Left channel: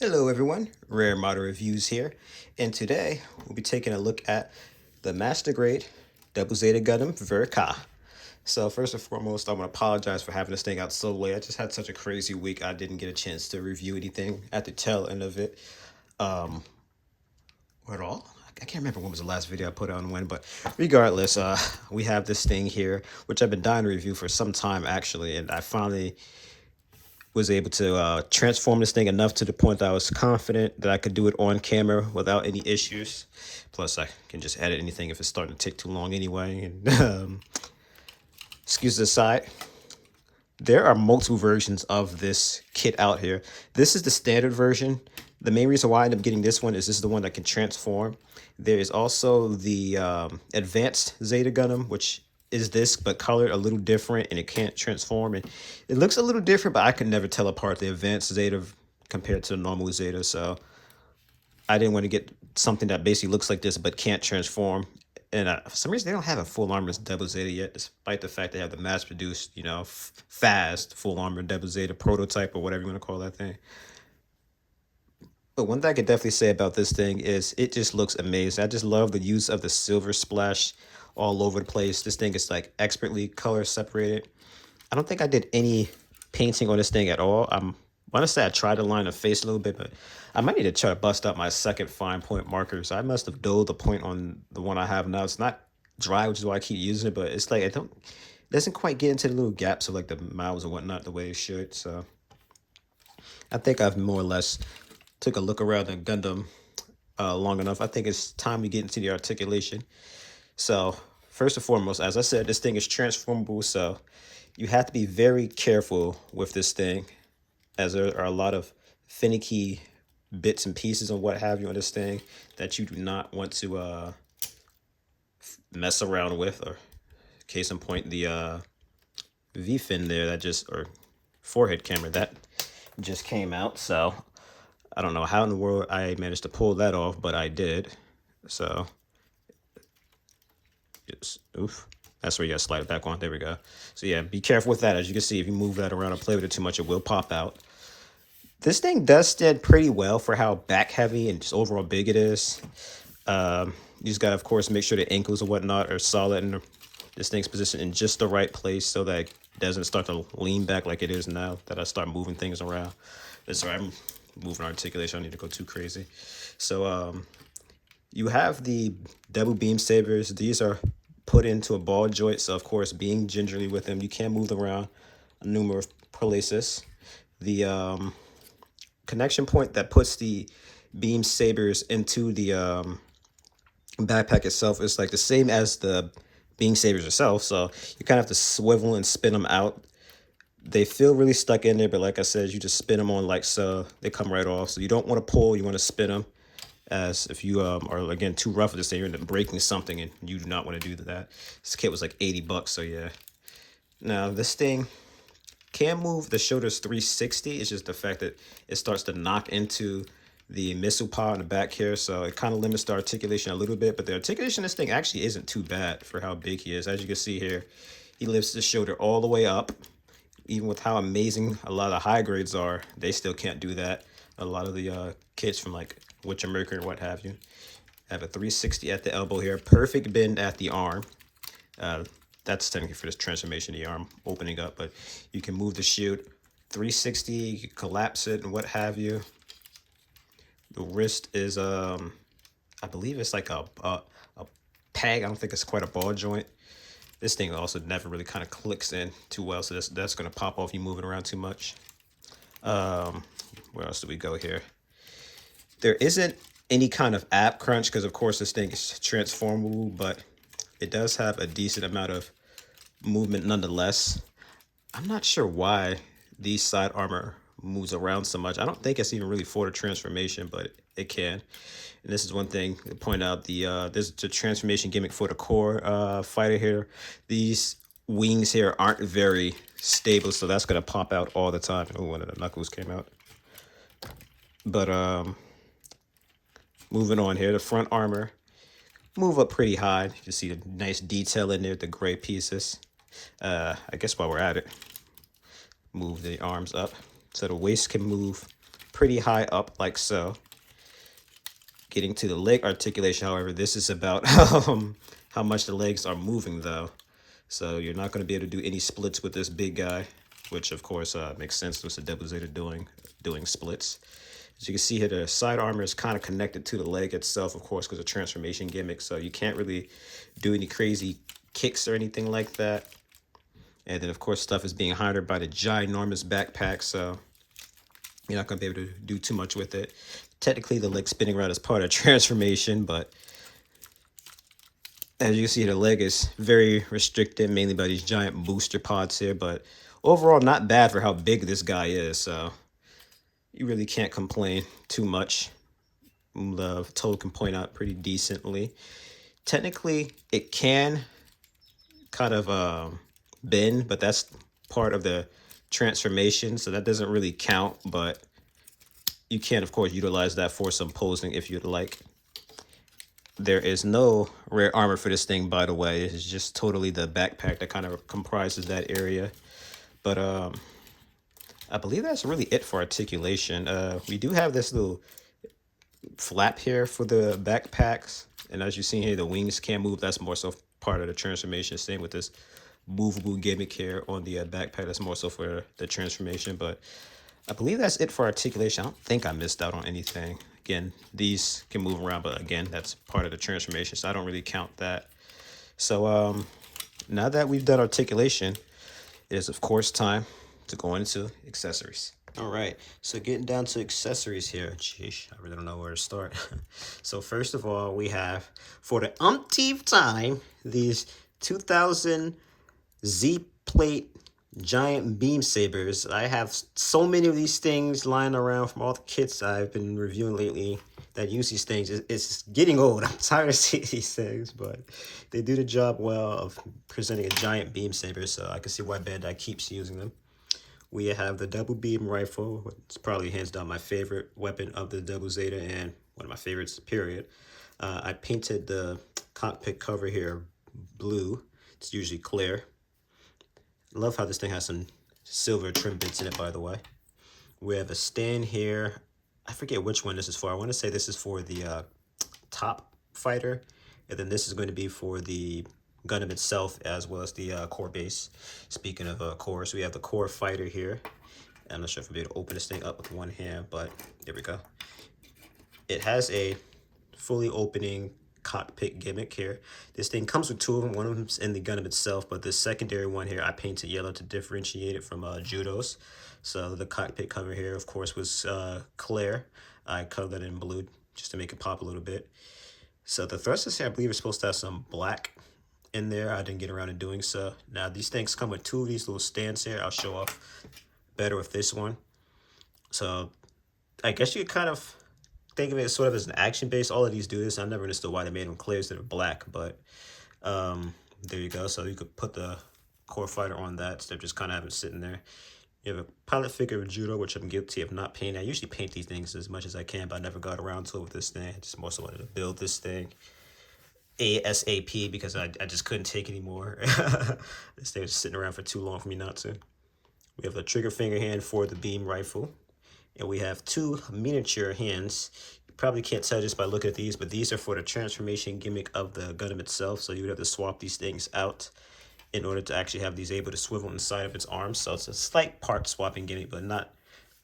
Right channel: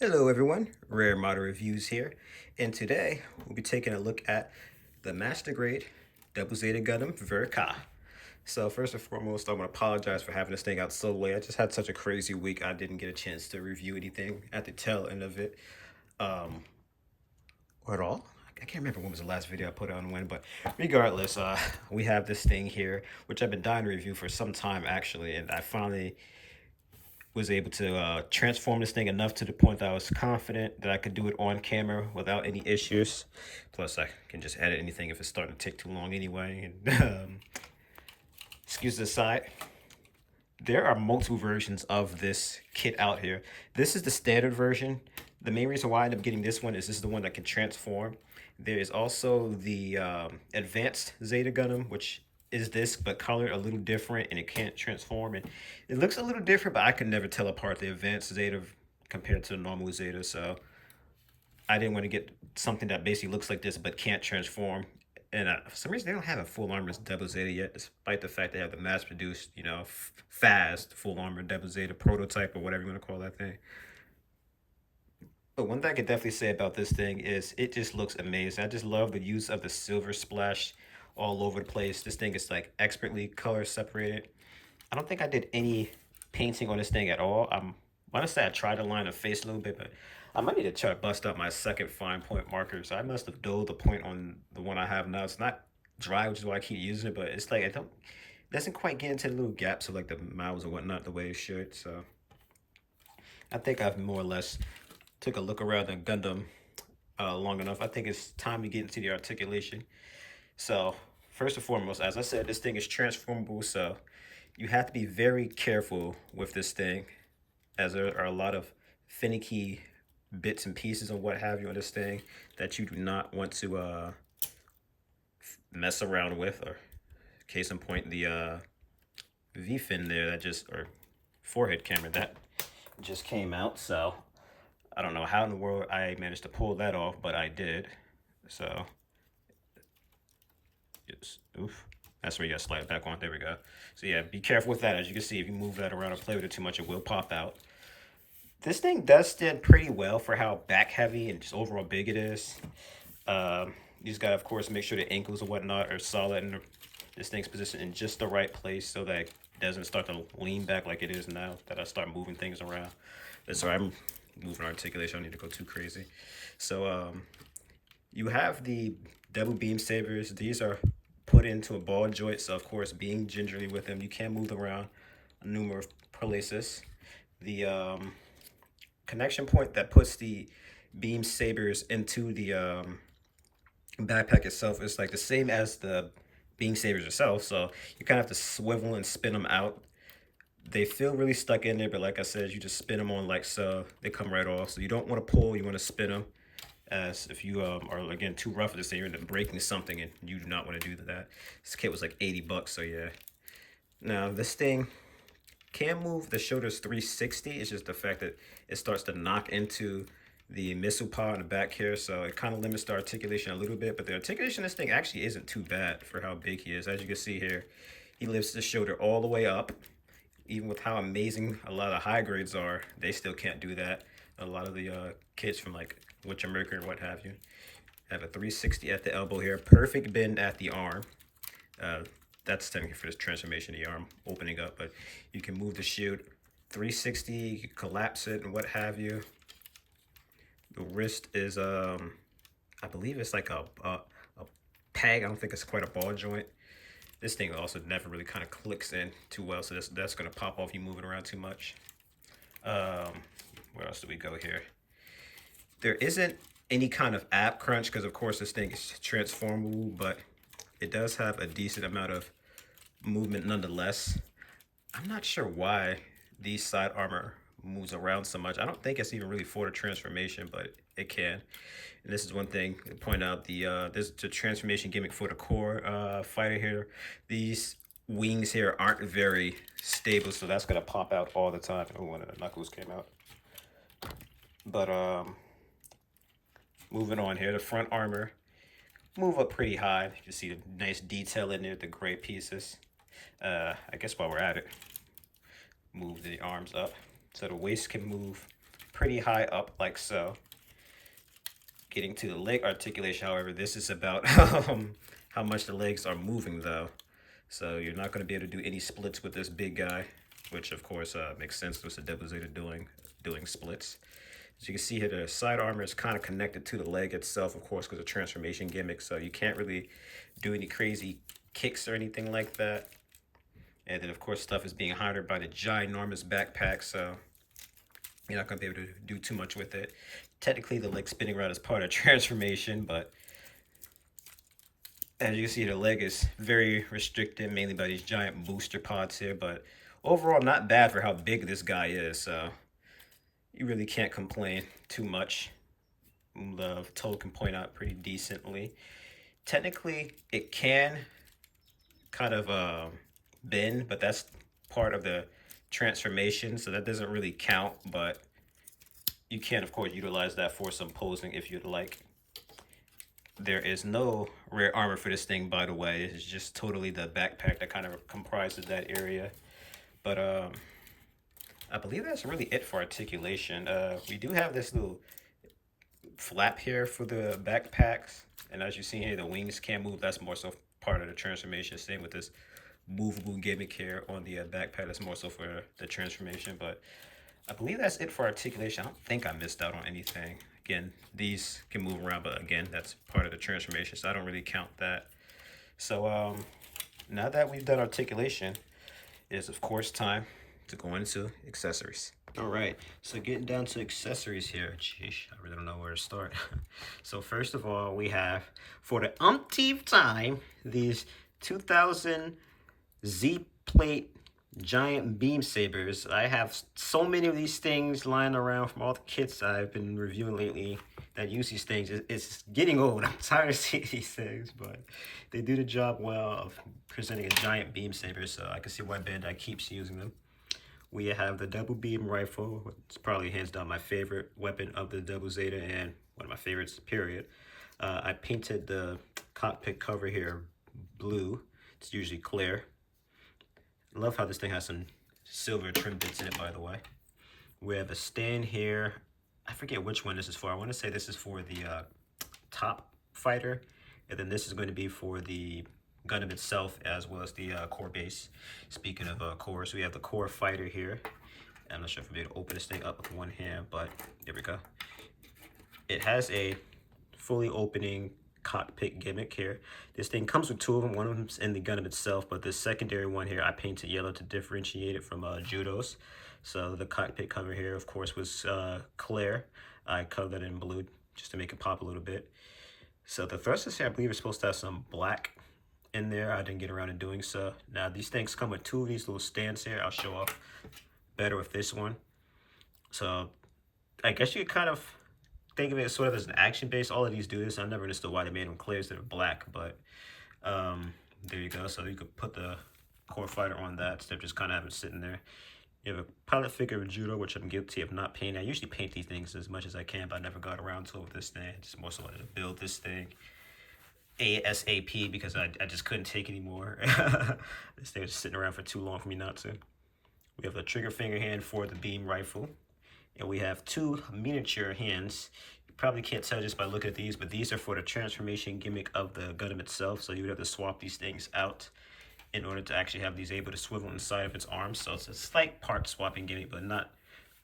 Hello everyone, Rare Model Reviews here, and today we'll be taking a look at the Master Grade Double Zeta Gundam Ver. So first and foremost, I want to apologize for having this thing out so late. I just had such a crazy week, I didn't get a chance to review anything at the tail end of it. Um, or at all. I can't remember when was the last video I put on when, but regardless, we have this thing here, which I've been dying to review for some time actually, and I finally was able to transform this thing enough to the point that I was confident that I could do it on camera without any issues. Plus, I can just edit anything if it's starting to take too long anyway. And, excuses aside, there are multiple versions of this kit out here. This is the standard version. The main reason why I ended up getting this one is this is the one that can transform. There is also the advanced Zeta Gundam, which is this but colored a little different and it can't transform. And it looks a little different, but I could never tell apart the advanced Zeta compared to the normal Zeta. So I didn't want to get something that basically looks like this but can't transform. And for some reason, they don't have a full armor Double Zeta yet, despite the fact they have the mass-produced, fast full armor Double Zeta prototype or whatever you want to call that thing. But one thing I could definitely say about this thing is it just looks amazing. I just love the use of the silver splash all over the place. This thing is like expertly color separated. I don't think I did any painting on this thing at all. I want to say I tried to line the face a little bit, but I might need to try to bust out my second fine point marker. So I must have dulled the point on the one I have now. It's not dry, which is why I keep using it, but it's like it doesn't quite get into the little gaps of like the mouths and whatnot the way it should. So I think I've more or less took a look around the Gundam long enough. I think it's time to get into the articulation. So first and foremost, as I said, this thing is transformable, so you have to be very careful with this thing, as there are a lot of finicky bits and pieces and what have you on this thing that you do not want to mess around with. Or case in point, the V-fin there that just, or forehead camera that just came out. So I don't know how in the world I managed to pull that off, but I did. So, just, oof. That's where you gotta slide it back on. There we go. So yeah, be careful with that. As you can see, if you move that around or play with it too much, it will pop out. This thing does stand pretty well for how back heavy and just overall big it is. You just gotta, of course, make sure the ankles and whatnot are solid and this thing's positioned in just the right place so that it doesn't start to lean back like it is now that I start moving things around. That's right, I'm moving articulation. I don't need to go too crazy. So you have the double beam sabers. These are put into a ball joint, so of course being gingerly with them, you can move them around numerous places. The connection point that puts the beam sabers into the backpack itself is like the same as the beam sabers itself, so you kind of have to swivel and spin them out. They feel really stuck in there, but like I said, you just spin them on like so, they come right off. So you don't want to pull, you want to spin them, as if you are again too rough with this thing, you're breaking something and you do not want to do that. This kit was like 80 bucks, so yeah. Now this thing can move the shoulders 360. It's just the fact that it starts to knock into the missile pod in the back here, so it kind of limits the articulation a little bit. But the articulation of this thing actually isn't too bad for how big he is. As you can see here, he lifts the shoulder all the way up. Even with how amazing a lot of high grades are, they still can't do that. A lot of the kits from like Witcher Mercury or what have you have a 360 at the elbow here, perfect bend at the arm. That's technically for this transformation, the arm opening up, but you can move the shield 360, you can collapse it and what have you. The wrist is I believe it's like a peg. I don't think it's quite a ball joint. This thing also never really kind of clicks in too well, so that's going to pop off if you move it around too much. Where else do we go here? There isn't any kind of ab crunch because, of course, this thing is transformable, but it does have a decent amount of movement nonetheless. I'm not sure why these side armor moves around so much. I don't think it's even really for the transformation, but it can. And this is one thing to point out, this is the transformation gimmick for the core fighter here. These wings here aren't very stable, so that's gonna pop out all the time. Oh, one of the knuckles came out. But moving on here, the front armor move up pretty high. You see the nice detail in there, the gray pieces. I guess while we're at it, move the arms up so the waist can move pretty high up like so. Getting to the leg articulation, however, this is about how much the legs are moving though. So you're not going to be able to do any splits with this big guy, which of course makes sense with the Double Zeta doing splits. As you can see here, the side armor is kind of connected to the leg itself, of course, because of transformation gimmick. So you can't really do any crazy kicks or anything like that. And then, of course, stuff is being hindered by the ginormous backpack, so you're not going to be able to do too much with it. Technically, the leg spinning around is part of transformation, but as you can see, the leg is very restricted, mainly by these giant booster pods here. But overall, not bad for how big this guy is, so you really can't complain too much. The toe can point out pretty decently. Technically, it can kind of bend, but that's part of the transformation, so that doesn't really count, but you can, of course, utilize that for some posing if you'd like. There is no rare armor for this thing, by the way. It's just totally the backpack that kind of comprises that area. But I believe that's really it for articulation. We do have this little flap here for the backpacks, and as you see here, the wings can move. That's more so part of the transformation. Same with this movable gimmick here on the backpack. That's more so for the transformation, but I believe that's it for articulation. I don't think I missed out on anything. Again, these can move around, but again, that's part of the transformation, so I don't really count that. So now that we've done articulation, it is of course time to go into accessories. All right, so getting down to accessories here. Sheesh, I really don't know where to start. So first of all, we have, for the umpteenth time, these 2000 Z-plate giant beam sabers. I have so many of these things lying around from all the kits I've been reviewing lately that use these things. It's getting old. I'm tired of seeing these things, but they do the job well of presenting a giant beam saber, so I can see why Bandai keeps using them. We have the double beam rifle. It's probably hands down my favorite weapon of the Double Zeta and one of my favorites, period. I painted the cockpit cover here blue. It's usually clear. Love how this thing has some silver trim bits in it, by the way. We have a stand here. I forget which one this is for. I want to say this is for the top fighter, and then this is going to be for the Gundam itself, as well as the core base. Speaking of cores, we have the core fighter here. I'm not sure if I'll be able to open this thing up with one hand, but there we go. It has a fully opening cockpit gimmick here. This thing comes with two of them. One of them's in the Gundam itself, but the secondary one here I painted yellow to differentiate it from Judo's. So the cockpit cover here, of course, was clear. I colored that in blue just to make it pop a little bit. So the thrusters here, I believe, is supposed to have some black in there. I didn't get around to doing so. Now these things come with two of these little stands here. I'll show off better with this one. So I guess you could kind of think of it sort of as an action base. All of these do this. I never understood why they made them clear instead of black, but there you go. So you could put the core fighter on that instead of just kind of having it sitting there. You have a pilot figure of Judo, which I'm guilty of not painting. I usually paint these things as much as I can, but I never got around to it with this thing. I just more so wanted to build this thing ASAP because I just couldn't take anymore. This thing was sitting around for too long for me not to. We have a trigger finger hand for the beam rifle. And we have two miniature hands. You probably can't tell just by looking at these, but these are for the transformation gimmick of the Gundam itself. So you would have to swap these things out in order to actually have these able to swivel inside of its arms. So it's a slight part swapping gimmick, but not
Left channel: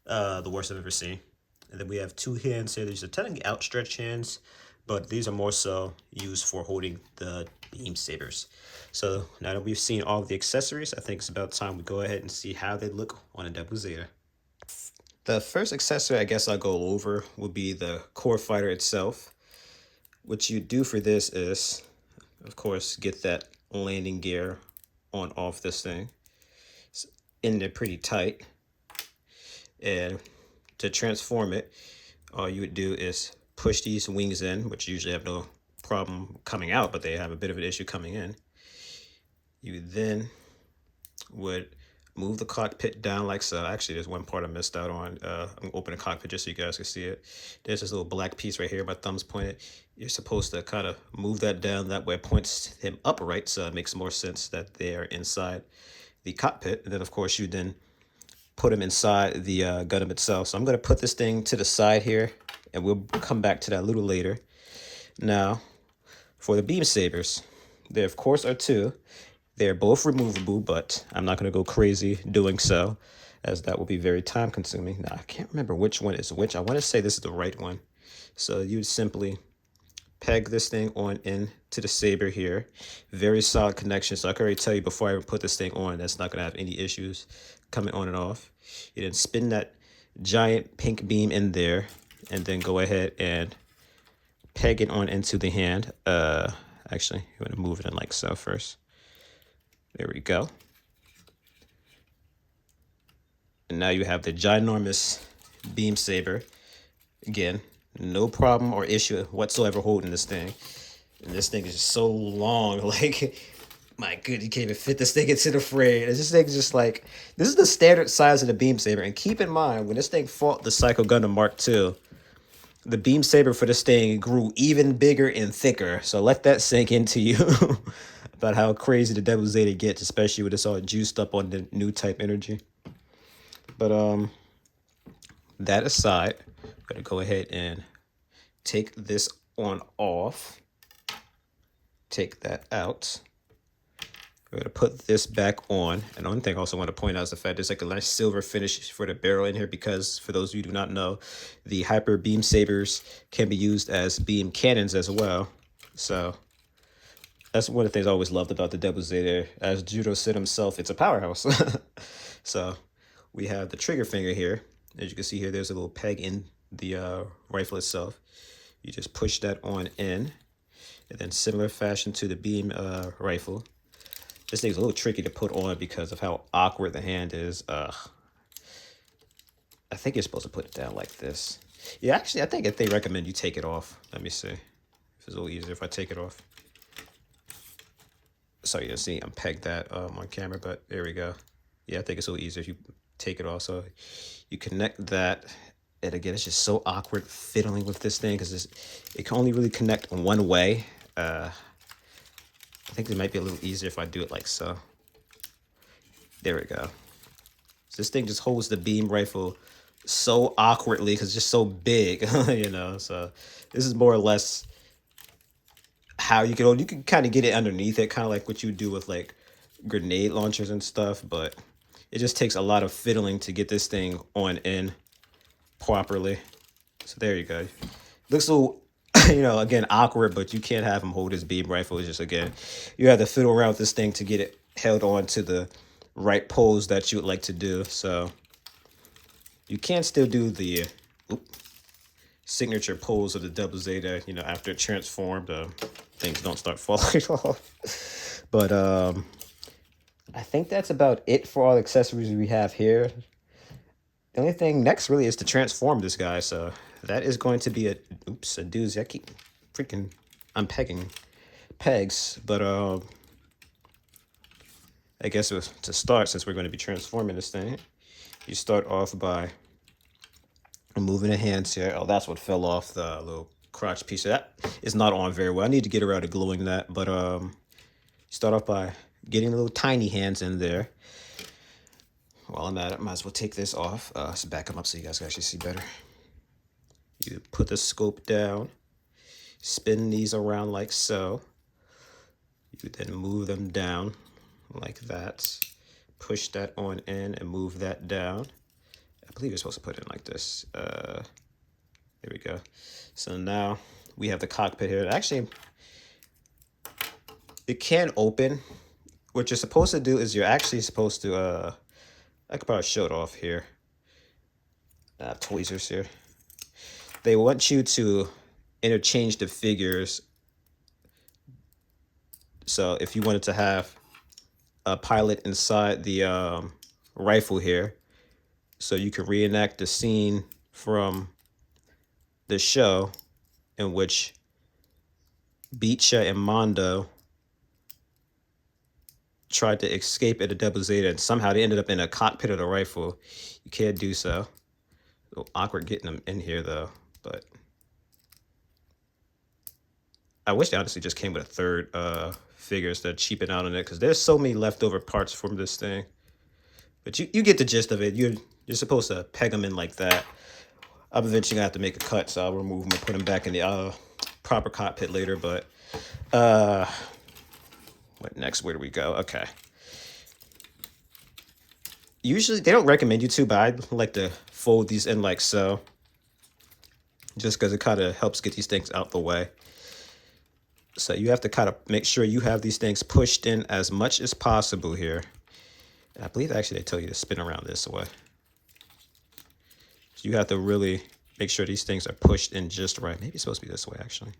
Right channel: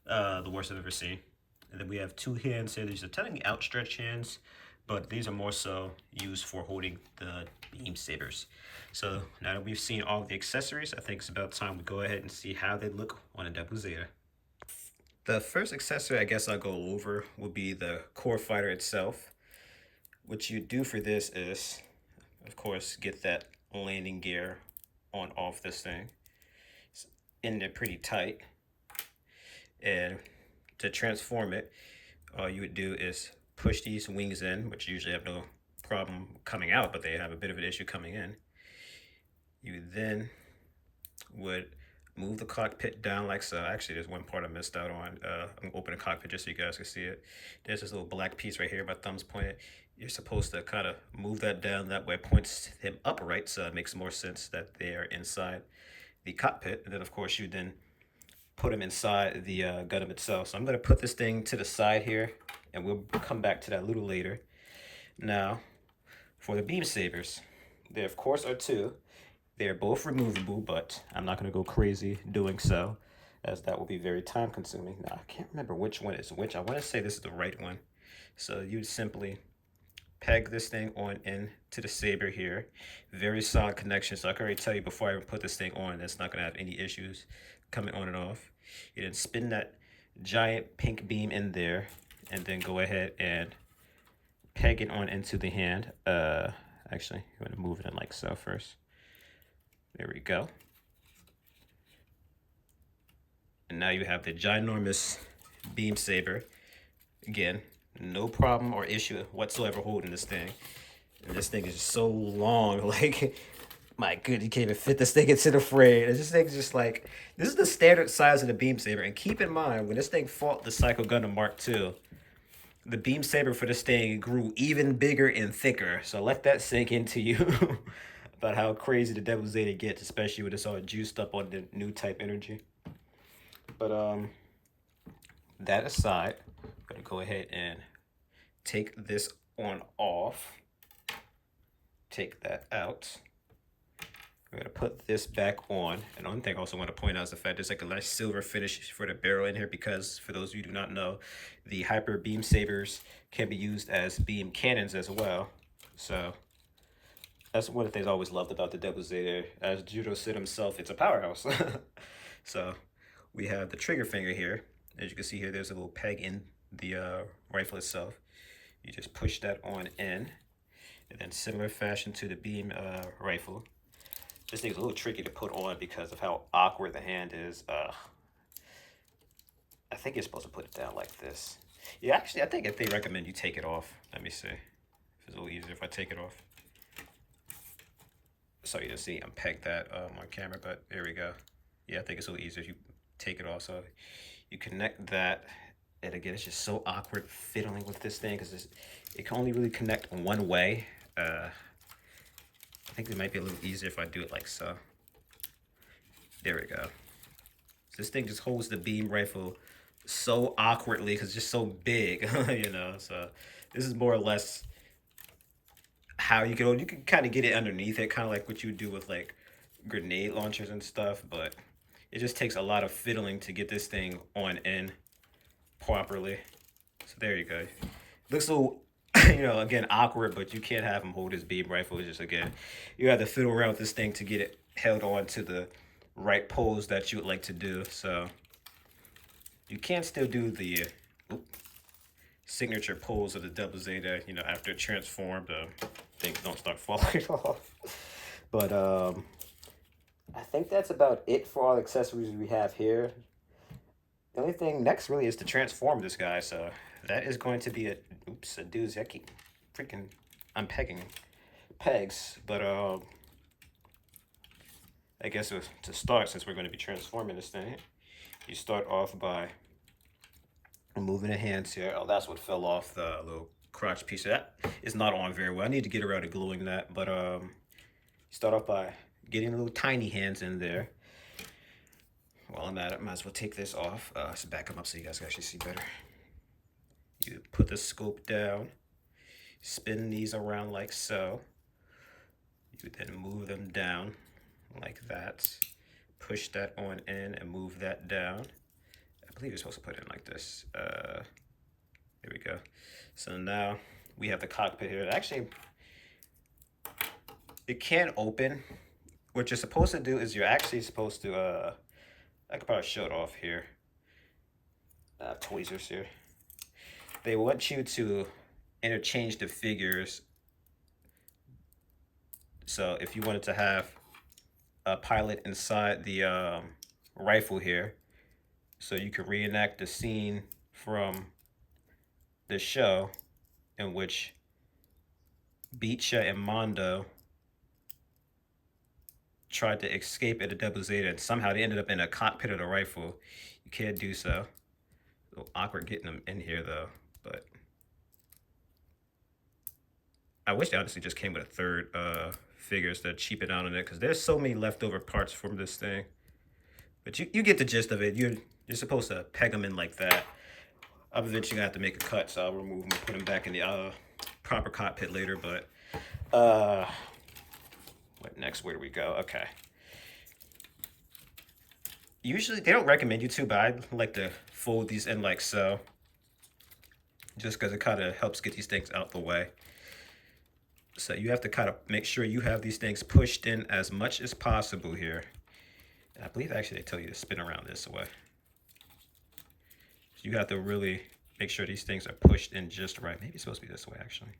the worst I've ever seen. And then we have two hands here. These are technically outstretched hands, but these are more so used for holding the beam sabers. So now that we've seen all of the accessories, I think it's about time we go ahead and see how they look on a Double Zeta. The first accessory I guess I'll go over will be the core fighter itself. What you do for this is, of course, get that landing gear on off this thing. It's in there pretty tight. And to transform it, all you would do is push these wings in, which usually have no problem coming out, but they have a bit of an issue coming in. You then would move the cockpit down like so. Actually, there's one part I missed out on. I'm gonna open the cockpit just so you guys can see it. There's this little black piece right here. My thumb's pointed. You're supposed to kind of move that down. That way it points him upright, so it makes more sense that they're inside the cockpit. And then, of course, you then put them inside the Gundam itself. So I'm going to put this thing to the side here, and we'll come back to that a little later. Now, for the beam sabers, there of course are two. They're both removable, but I'm not going to go crazy doing so, as that will be very time consuming. Now, I can't remember which one is which. I want to say this is the right one. So you simply peg this thing on into the saber here. Very solid connection. So I can already tell you before I even put this thing on, that's not going to have any issues coming on and off. You then spin that giant pink beam in there, and then go ahead and peg it on into the hand. Actually, you want to move it in like so first. There we go. And now you have the ginormous beam saber. Again, no problem or issue whatsoever holding this thing. And this thing is just so long, like, my goodness, you can't even fit this thing into the frame. This thing is just like, this is the standard size of the beam saber. And keep in mind, when this thing fought the Psycho Gundam Mark II, the beam saber for this thing grew even bigger and thicker. So let that sink into you about how crazy the Devil Zeta gets, especially when it's all juiced up on the new type energy. But that aside, I'm gonna go ahead and take this on off. Take that out. We're gonna put this back on. And one thing I also want to point out is the fact there's like a nice silver finish for the barrel in here, because for those of you who do not know, the hyper beam sabers can be used as beam cannons as well. So that's one of the things I always loved about the Devil Zeta. As Judo said himself, it's a powerhouse. So we have the trigger finger here. As you can see here, there's a little peg in the rifle itself. You just push that on in, and then similar fashion to the beam rifle. This thing's a little tricky to put on because of how awkward the hand is. I think you're supposed to put it down like this. Yeah, actually, I think if they recommend you take it off. Let me see. It's a little easier if I take it off. Sorry, you see, I'm pegged that on camera, but there we go. Yeah, I think it's a little easier if you take it off. So you connect that. And again, it's just so awkward fiddling with this thing because it can only really connect one way. I think it might be a little easier if I do it like so. There we go. So this thing just holds the beam rifle so awkwardly because it's just so big, you know. So this is more or less how you can kind of get it underneath it, kind of like what you do with like grenade launchers and stuff. But it just takes a lot of fiddling to get this thing on in properly. So there you go. Looks a little, you know, again, awkward, but you can't have him hold his beam rifle. It's just, again, you have to fiddle around with this thing to get it held on to the right pose that you would like to do. So you can still do the signature pose of the Devil Zeta, you know, after it transformed. Things don't start falling off. But I think that's about it for all the accessories we have here. The only thing next really is to transform this guy. So that is going to be a doozy. I keep freaking unpegging pegs. But I guess to start, since we're going to be transforming this thing, you start off by removing the hands here. Oh, that's what fell off, the little crotch piece. That is not on very well. I need to get around to gluing that. But start off by getting the little tiny hands in there. While I'm at it, I might as well take this off. Let's back them up so you guys can actually see better. You put the scope down, spin these around like so. You then move them down like that. Push that on in and move that down. I believe you're supposed to put it in like this. There we go. So now we have the cockpit here. Actually, it can open. What you're supposed to do is you're actually supposed to, I could probably show it off here. Tweezers here. They want you to interchange the figures. So if you wanted to have a pilot inside the rifle here, so you could reenact the scene from the show in which Beecha and Mondo tried to escape at the Devil Zeta, and somehow they ended up in a cockpit of the rifle. You can't do so. A little awkward getting them in here though, but I wish they honestly just came with a third figure instead of cheaping out on it, because there's so many leftover parts from this thing. But you get the gist of it. You're supposed to peg them in like that. I'm eventually gonna have to make a cut, so I'll remove them and put them back in the proper cockpit later. But what next? Where do we go? Okay. Usually they don't recommend you to, but I like to fold these in like so, just because it kind of helps get these things out the way. So you have to kind of make sure you have these things pushed in as much as possible here. And I believe actually they tell you to spin around this way. So you have to really make sure these things are pushed in just right. Maybe it's supposed to be this way, actually.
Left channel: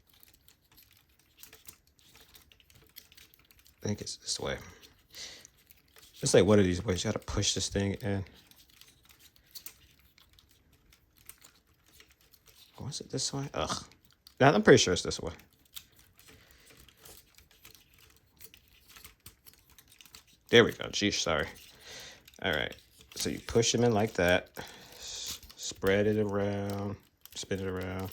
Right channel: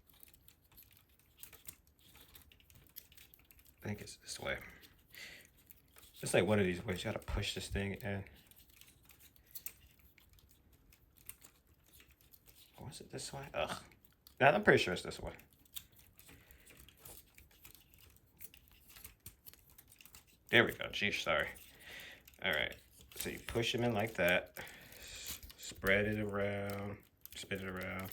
I think it's this way. Just like one of these ways, you have to push this thing in. Was it this way? Ugh. Nah, I'm pretty sure it's this way. There we go. Geez, sorry. All right. So you push them in like that. Spread it around. Spin it around.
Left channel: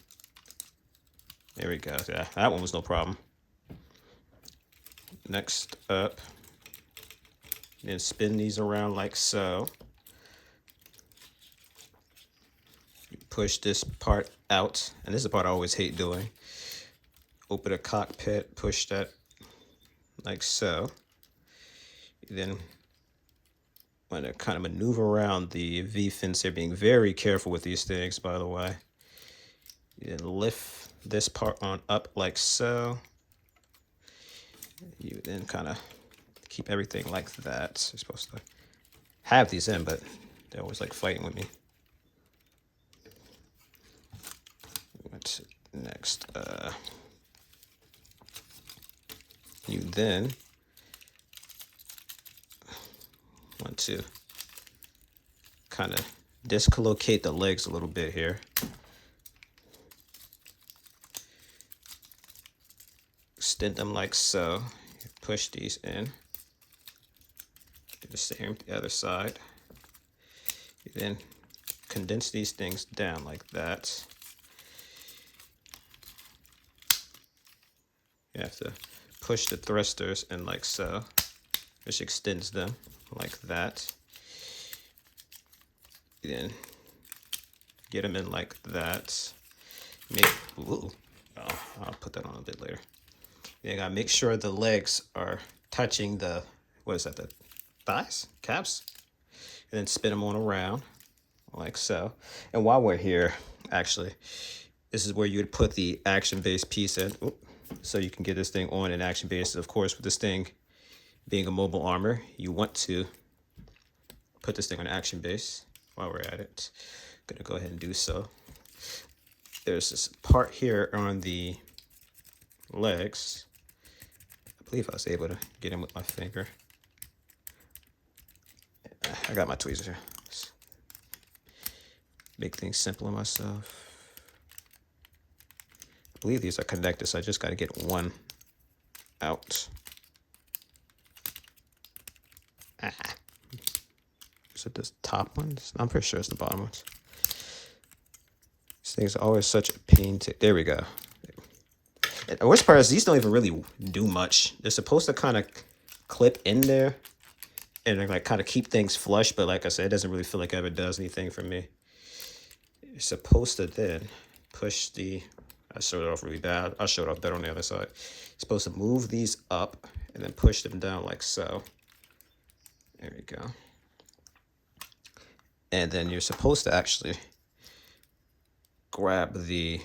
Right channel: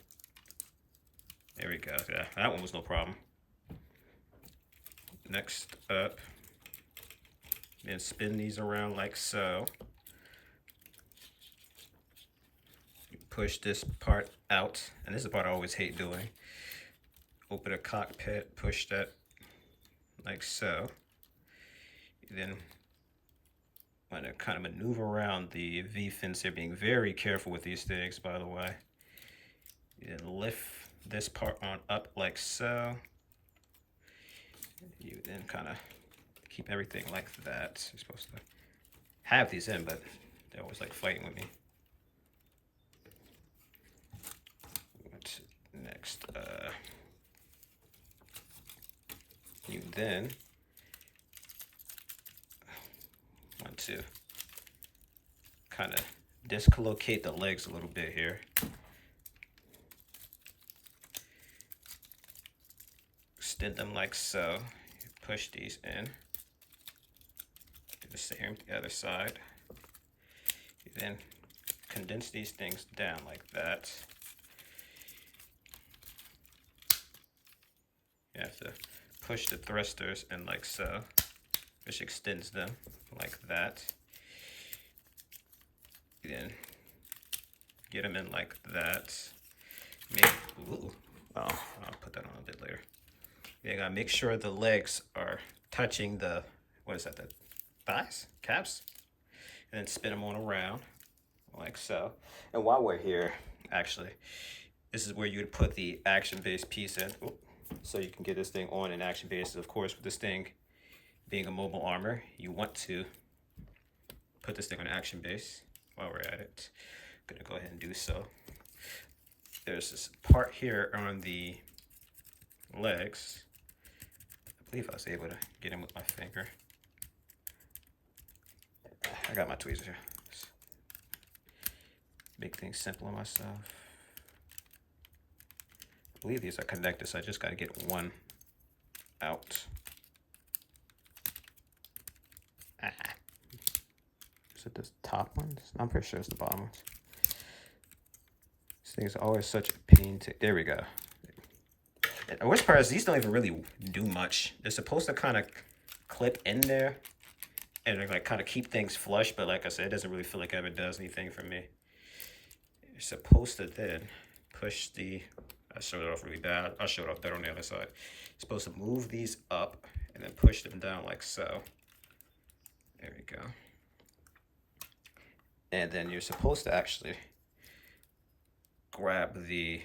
There we go. Yeah, that one was no problem. Next up, then spin these around like so. You push this part out, and this is the part I always hate doing. Open a cockpit, push that like so. Then want to kind of maneuver around the V fins here, being very careful with these things, by the way. You then lift this part on up like so. You then kind of keep everything like that. You're supposed to have these in, but they're always like fighting with me. What's next? You then want to kind of dislocate the legs a little bit here. Extend them like so. Push these in. Do the same to the other side. You then condense these things down like that. You have to push the thrusters in like so. This extends them like that. Then get them in like that. Ooh, oh, I'll put that on a bit later. You gotta make sure the legs are touching the, what is that, the thighs, calves? And then spin them on around like so. And while we're here, actually, this is where you'd put the action base piece in. Oop, so you can get this thing on an action base. Of course, with this thing being a mobile armor, you want to put this thing on action base. While we're at it, I'm gonna go ahead and do so. There's this part here on the legs. I believe I was able to get in with my finger. I got my tweezers here. Just make things simple on myself. I believe these are connected, so I just gotta get one out. Is it this top one? I'm pretty sure it's the bottom ones. These things are always such a pain to, there we go. And the worst part is these don't even really do much. They're supposed to kind of clip in there and like kind of keep things flush, but like I said, it doesn't really feel like it ever does anything for me. You're supposed to then push the, I showed it off really bad. I'll show it off better on the other side. You're supposed to move these up and then push them down like so. There we go. And then you're supposed to actually grab the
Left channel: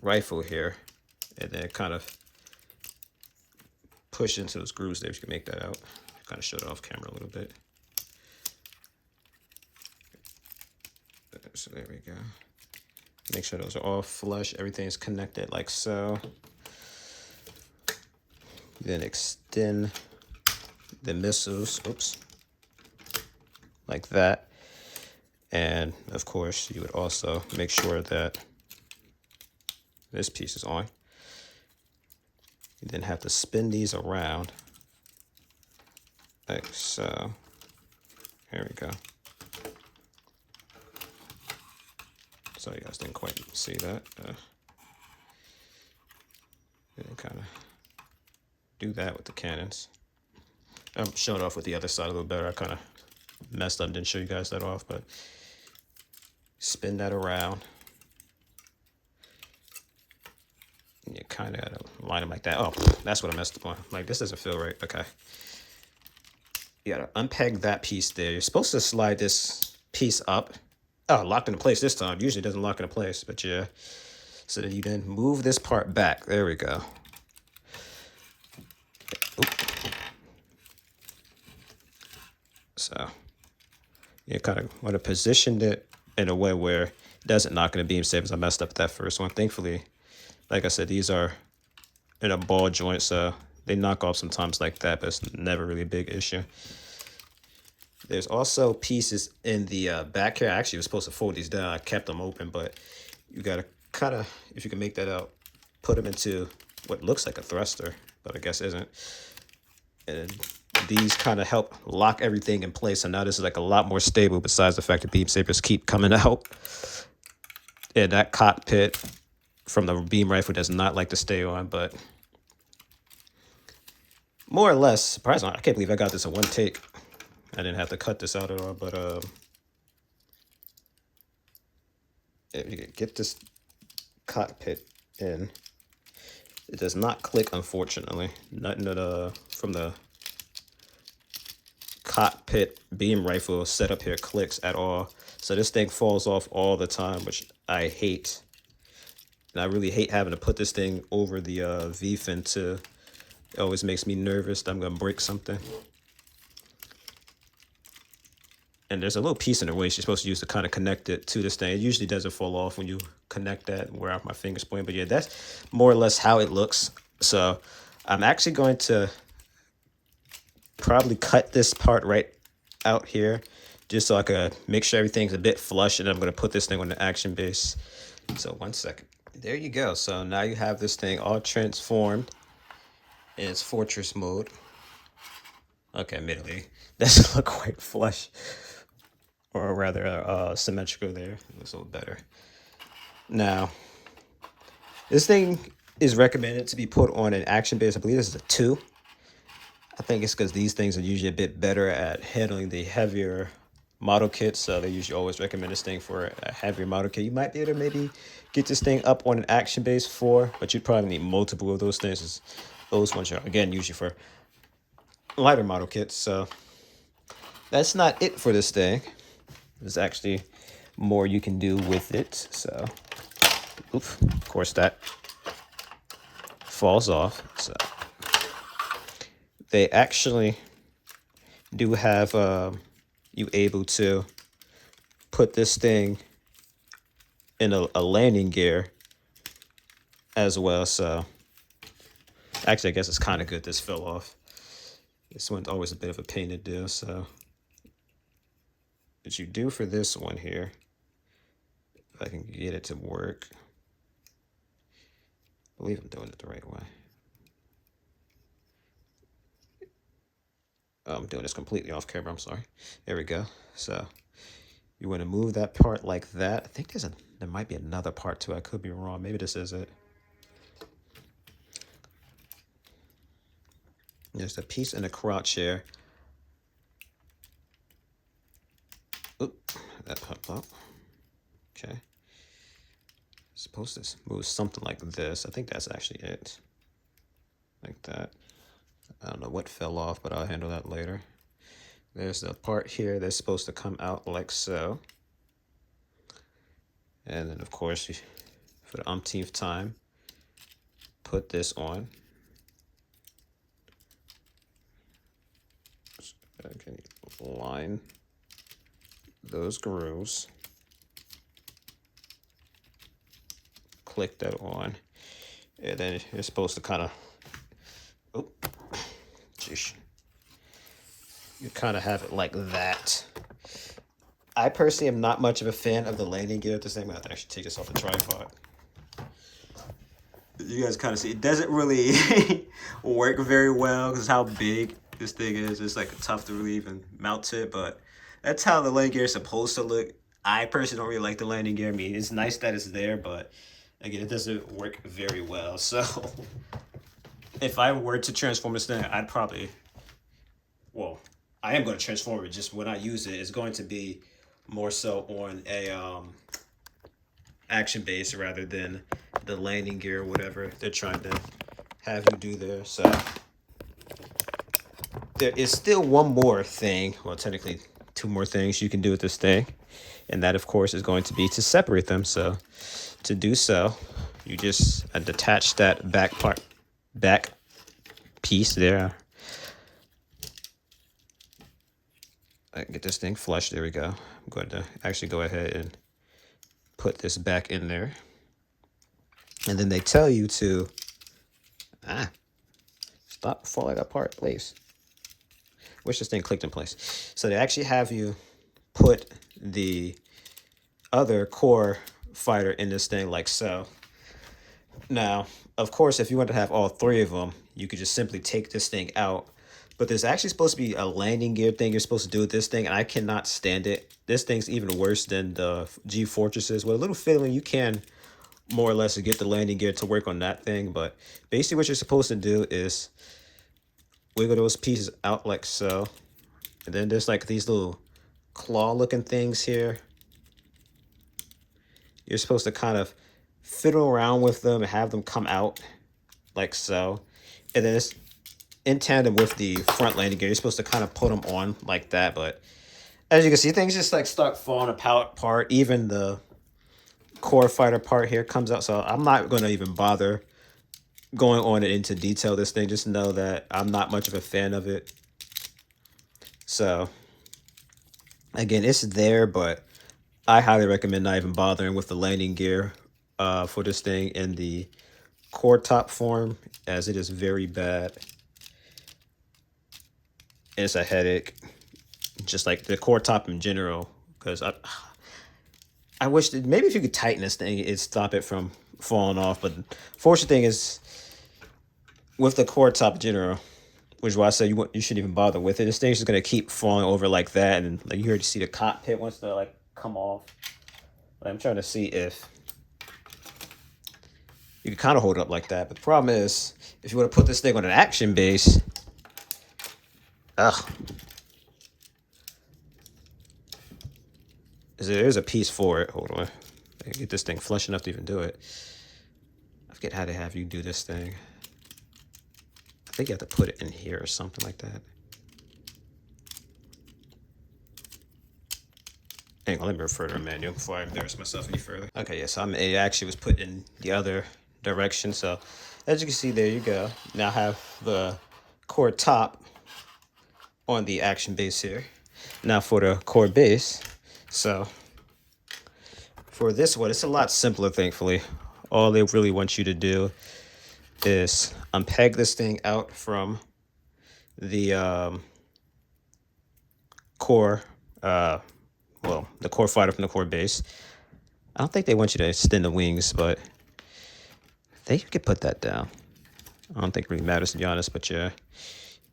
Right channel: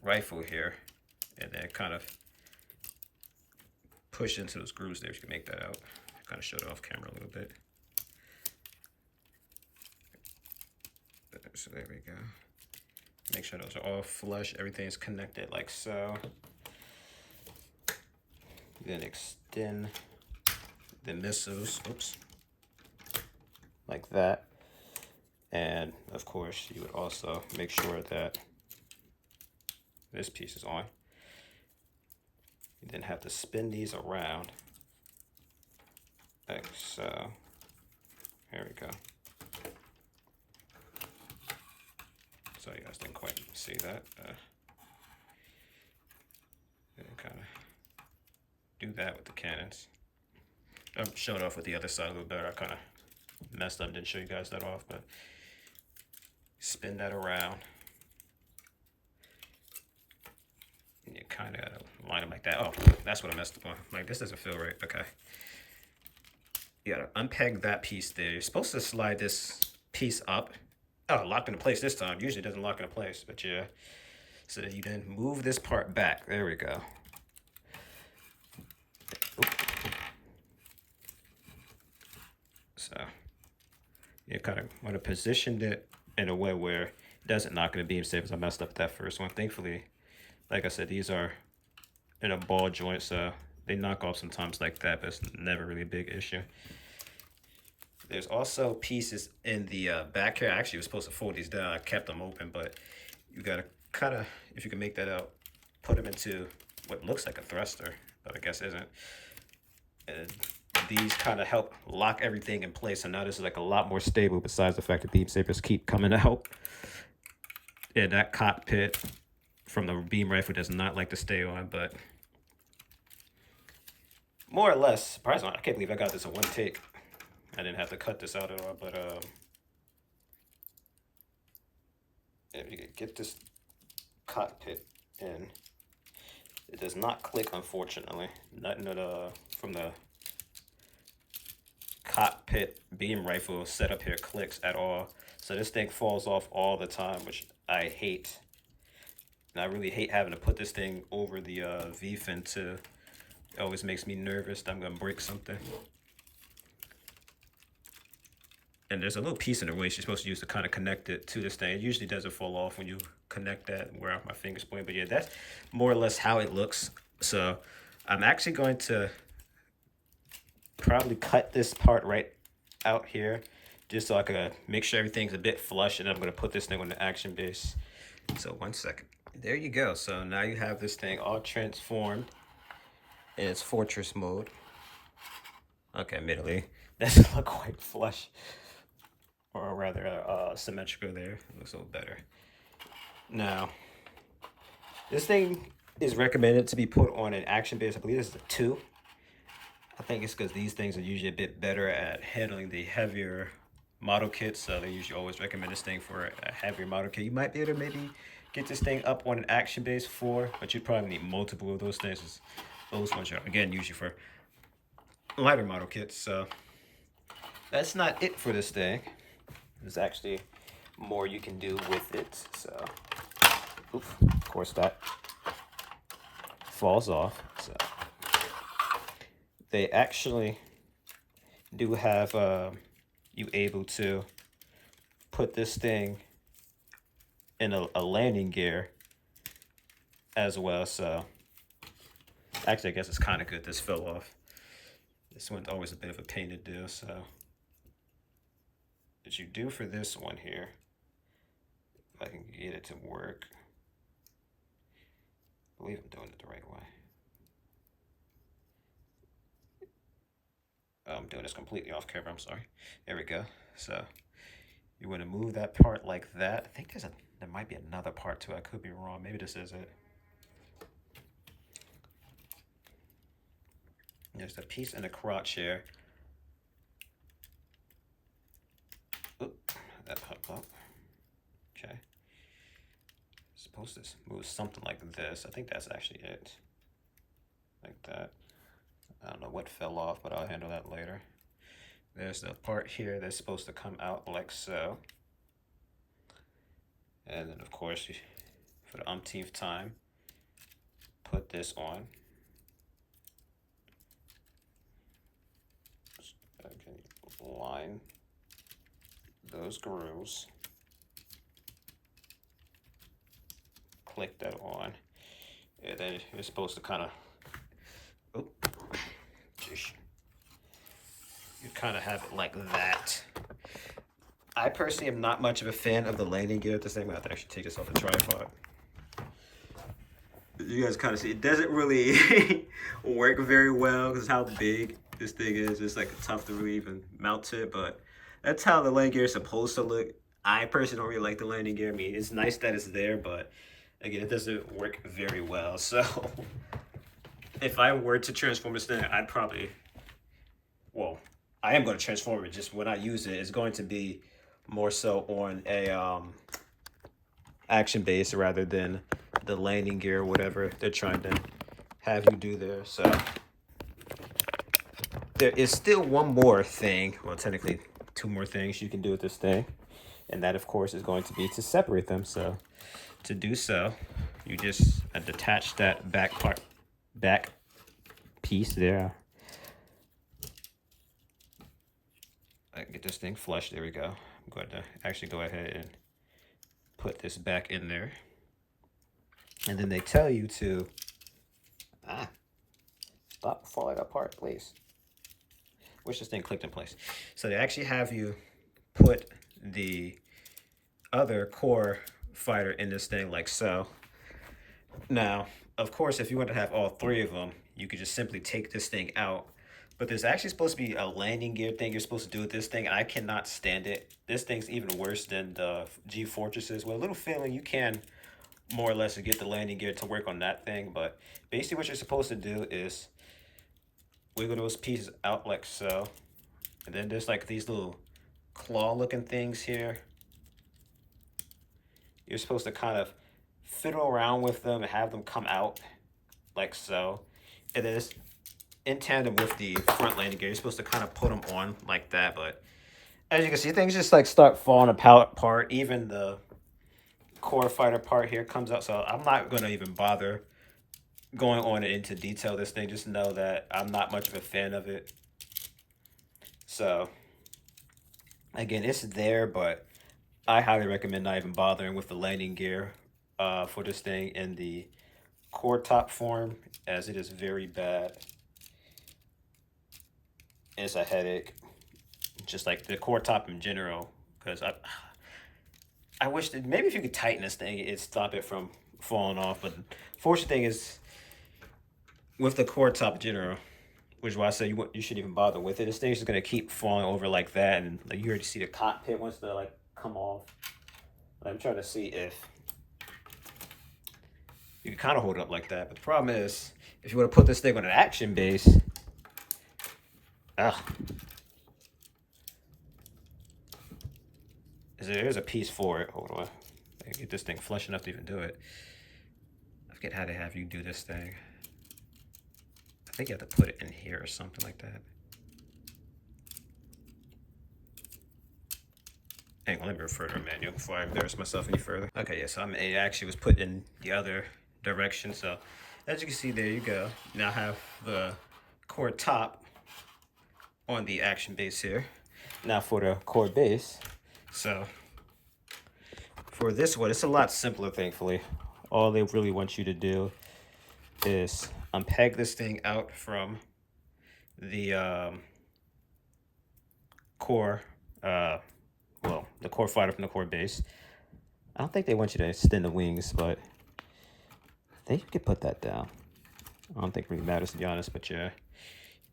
rifle here and then kind of push into those grooves there. You can make that out. Kind of showed it off camera a little bit. So there we go. Make sure those are all flush. Everything's connected like so. Then extend the missiles, oops, like that. And of course, you would also make sure that this piece is on. You then have to spin these around like so. Here we go. Sorry, you guys didn't quite see that. And kind of do that with the cannons. I'm showing off with the other side a little better. I kind of messed up, didn't show you guys that off, but spin that around. And you kind of got to line them like that. Oh, that's what I messed up on. Like, this doesn't feel right. Okay. You got to unpeg that piece there. You're supposed to slide this piece up. Oh, locked into place this time. Usually it doesn't lock into place, but yeah. So then you then move this part back. There we go. Oop. So you kind of want to position it in a way where it doesn't knock into beam sabers. I messed up that first one. Thankfully, like I said, these are in a ball joint, so they knock off sometimes like that, but it's never really a big issue. There's also pieces in the back here. I actually was supposed to fold these down. I kept them open, but you got to kind of, if you can make that out, put them into what looks like a thruster, but I guess isn't. And these kind of help lock everything in place. So now this is like a lot more stable, besides the fact that beam sabers keep coming out. And that cockpit from the beam rifle does not like to stay on, but more or less, surprisingly, I can't believe I got this in one take. I didn't have to cut this out at all, but if you can get this cockpit in, it does not click, unfortunately. Nothing that from the cockpit beam rifle setup here clicks at all. So this thing falls off all the time, which I hate. And I really hate having to put this thing over the V-fin too. It always makes me nervous that I'm gonna break something. And there's a little piece in the waist you're supposed to use to kind of connect it to this thing. It usually doesn't fall off when you connect that and wear out my fingers point. But yeah, that's more or less how it looks. So I'm actually going to probably cut this part right out here just so I could make sure everything's a bit flush, and then I'm going to put this thing on the action base. So 1 second. There you go. So now you have this thing all transformed in its fortress mode. Okay, admittedly, doesn't look quite flush, or rather symmetrical there. It looks a little better. Now, this thing is recommended to be put on an action base. I believe this is a 2. I think it's because these things are usually a bit better at handling the heavier model kits, so they usually always recommend this thing for a heavier model kit. You might be able to maybe get this thing up on an action base 4, but you'd probably need multiple of those things. Those ones are, again, usually for lighter model kits. So that's not it for this thing. There's actually more you can do with it. So, oof, of course, that falls off. So they actually do have you able to put this thing in a landing gear as well. So actually, I guess it's kind of good this fell off. This one's always a bit of a pain to do. So what you do for this one here, if I can get it to work, I believe I'm doing it the right way. Oh, I'm doing this completely off camera, I'm sorry. There we go. So you want to move that part like that. I think there might be another part too. I could be wrong. Maybe this is it. There's a piece in the crouch here. Oop, that popped up. Okay. Supposed to move something like this. I think that's actually it. Like that. I don't know what fell off, but I'll handle that later. There's a part here that's supposed to come out like so. And then, of course, for the umpteenth time, put this on. Okay, line those grooves. Click that on. And then you're supposed to kind of, oh, geez. You kind of have it like that. I personally am not much of a fan of the landing gear at this thing. I'm going to have to actually take this off the tripod. You guys kind of see, it doesn't really work very well because how big this thing is. It's like tough to really even mount it, but that's how the landing gear is supposed to look. I personally don't really like the landing gear. I mean, it's nice that it's there, but again, it doesn't work very well. So if I were to transform this thing, I'd probably well, I am going to transform it. Just when I use it, it's going to be more so on a action base rather than the landing gear or whatever they're trying to have you do there. So there is still one more thing. Well, technically, two more things you can do with this thing, and that, of course, is going to be to separate them. So to do so, you just detach that back piece there. Get this thing flush. There we go. I'm going to actually go ahead and put this back in there. And then they tell you to stop falling apart, please. Wish this thing clicked in place. So they actually have you put the other core fighter in this thing like so. Now, of course, if you want to have all three of them, you could just simply take this thing out. But there's actually supposed to be a landing gear thing you're supposed to do with this thing, and I cannot stand it. This thing's even worse than the G Fortresses. With a little feeling you can more or less get the landing gear to work on that thing, but basically what you're supposed to do is wiggle those pieces out like so. And then there's like these little claw looking things here. You're supposed to kind of fiddle around with them and have them come out like so. And then it's in tandem with the front landing gear. You're supposed to kind of put them on like that, but as you can see, things just like start falling apart. Even the core fighter part here comes out, so I'm not going to even bother going on it into detail. This thing, just know that I'm not much of a fan of it. So again, it's there, but I highly recommend not even bothering with the landing gear for this thing in the core top form, as it is very bad. It's a headache, just like the core top in general, because I wish that maybe if you could tighten this thing, it'd stop it from falling off. But fortunate thing is, with the core top in general, which is why I said you shouldn't even bother with it. This thing's just gonna keep falling over like that, and like you heard to see the cockpit wants to like come off. I'm trying to see if you can kind of hold it up like that. But the problem is, if you want to put this thing on an action base, there's a piece for it. Hold on. Get this thing flush enough to even do it. I forget how to have you do this thing. I think you have to put it in here or something like that. Hang on, let me refer to a manual before I embarrass myself any further. Okay, yeah, so it actually was put in the other direction. So as you can see, there you go. Now I have the core top on the action base here. Now for the core base. So for this one, it's a lot simpler, thankfully. All they really want you to do is unpeg this thing out from the core, well, the core fighter from the core base. I don't think they want you to extend the wings, but they could put that down. I don't think it really matters, to be honest, but yeah,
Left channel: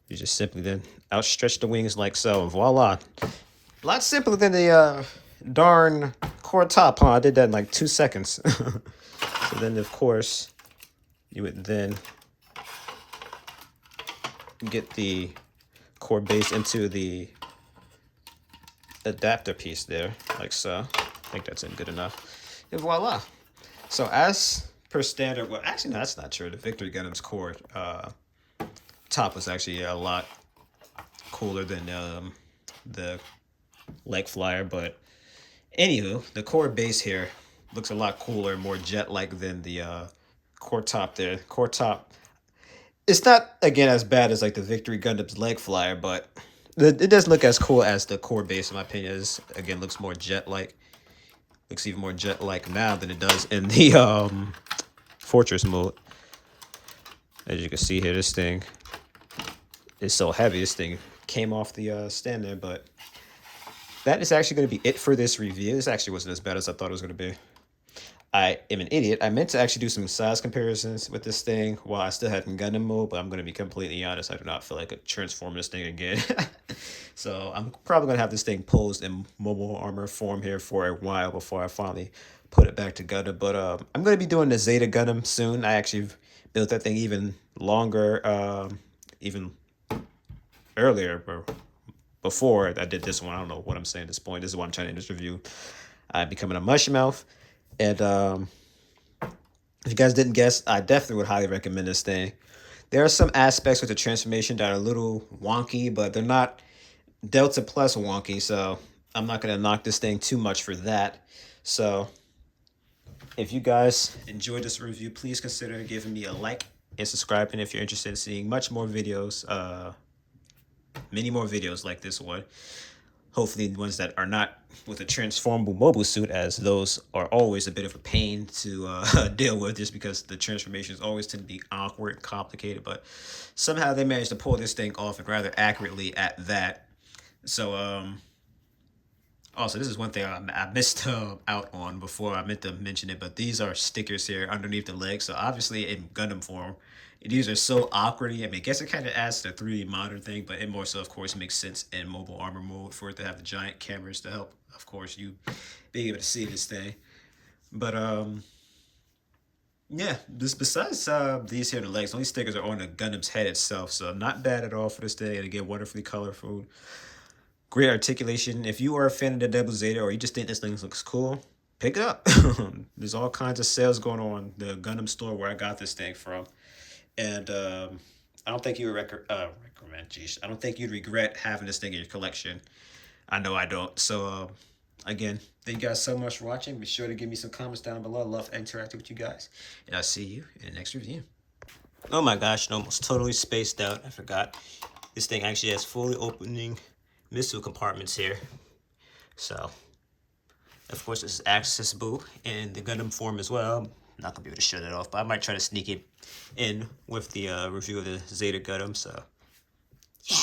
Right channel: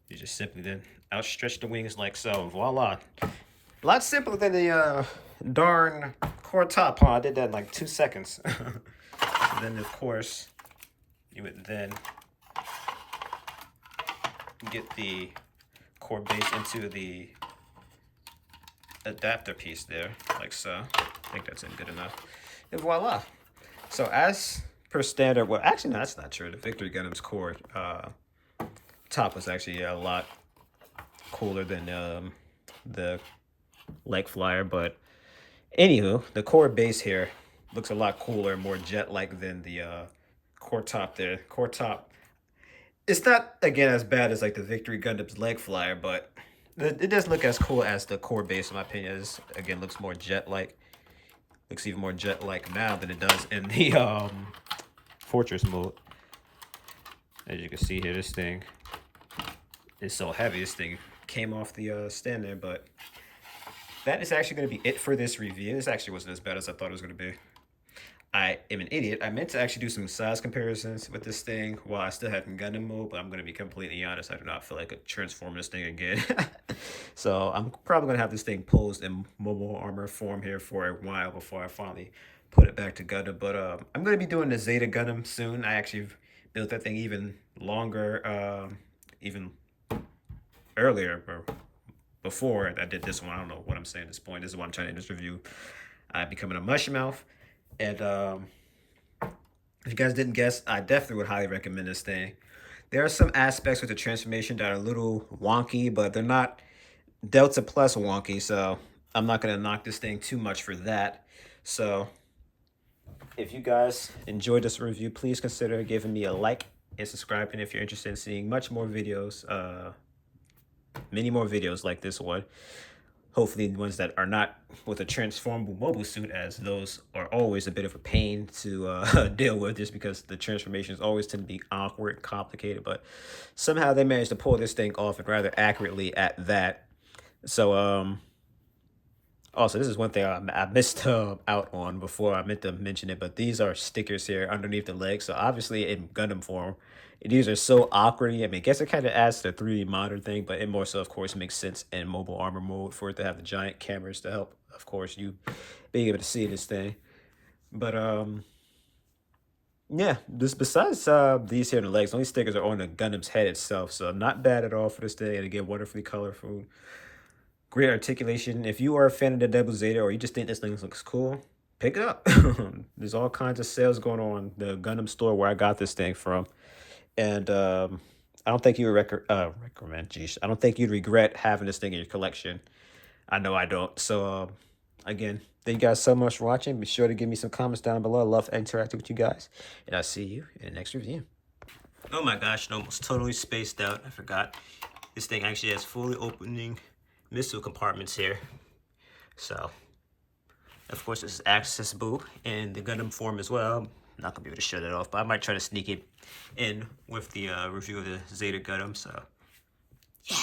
you just simply then outstretch the wings like so, and voila. A lot simpler than the darn core top, huh? I did that in like 2 seconds. So then, of course, you would then get the core base into the adapter piece there, like so. I think that's in good enough. And voila. So as per standard, well, actually, no, that's not true. The Victory Gundam's core top was actually a lot cooler than the leg flyer, but anywho, the core base here looks a lot cooler, more jet-like than the core top there. Core top, it's not, again, as bad as like the Victory Gundam's leg flyer, but it doesn't look as cool as the core base, in my opinion. It again looks more jet-like. Looks even more jet-like now than it does in the Fortress mode. As you can see here, this thing is so heavy. This thing came off the stand there, but that is actually going to be it for this review. This actually wasn't as bad as I thought it was going to be. I am an idiot. I meant to actually do some size comparisons with this thing while I still had in Gundam mode, but I'm going to be completely honest. I do not feel like transforming this thing again. So I'm probably going to have this thing posed in mobile armor form here for a while before I finally put it back to Gundam. But I'm going to be doing the ZZ Gundam soon. I actually built that thing even longer, even earlier, or before I did this one. I don't know what I'm saying at this point. This is what I'm trying to end this review. I'm becoming a mush mouth. And if you guys didn't guess, I definitely would highly recommend this thing. There are some aspects with the transformation that are a little wonky, but they're not Delta Plus wonky, so I'm not going to knock this thing too much for that. So if you guys enjoyed this review, please consider giving me a like and subscribing if you're interested in seeing much more videos, many more videos like this one. Hopefully ones that are not with a transformable mobile suit, as those are always a bit of a pain to deal with, just because the transformations always tend to be awkward and complicated. But somehow they managed to pull this thing off, and rather accurately at that. So also, this is one thing I missed out on before. I meant to mention it, but these are stickers here underneath the legs. So obviously in Gundam form, these are so awkward. I mean, I guess it kind of adds to the 3D modern thing, but it more so, of course, makes sense in mobile armor mode for it to have the giant cameras to help, of course, you being able to see this thing. But yeah, this besides these here on the legs, only stickers are on the Gundam's head itself, so not bad at all for this thing. And again, wonderfully colorful. Great articulation. If you are a fan of the Double Zeta, or you just think this thing looks cool, pick it up. There's all kinds of sales going on the Gundam store where I got this thing from. And I don't think you would recommend. Geez, I don't think you'd regret having this thing in your collection. I know I don't. So again, thank you guys so much for watching. Be sure to give me some comments down below. I love interacting with you guys, and I'll see you in the next review. Oh my gosh, I almost totally spaced out. I forgot. This thing actually has fully opening missile compartments here. So, of course, this is accessible in the Gundam form as well. I'm not gonna be able to show that off, but I might try to sneak it in with the review of the Zeta Gundam. So, yeah.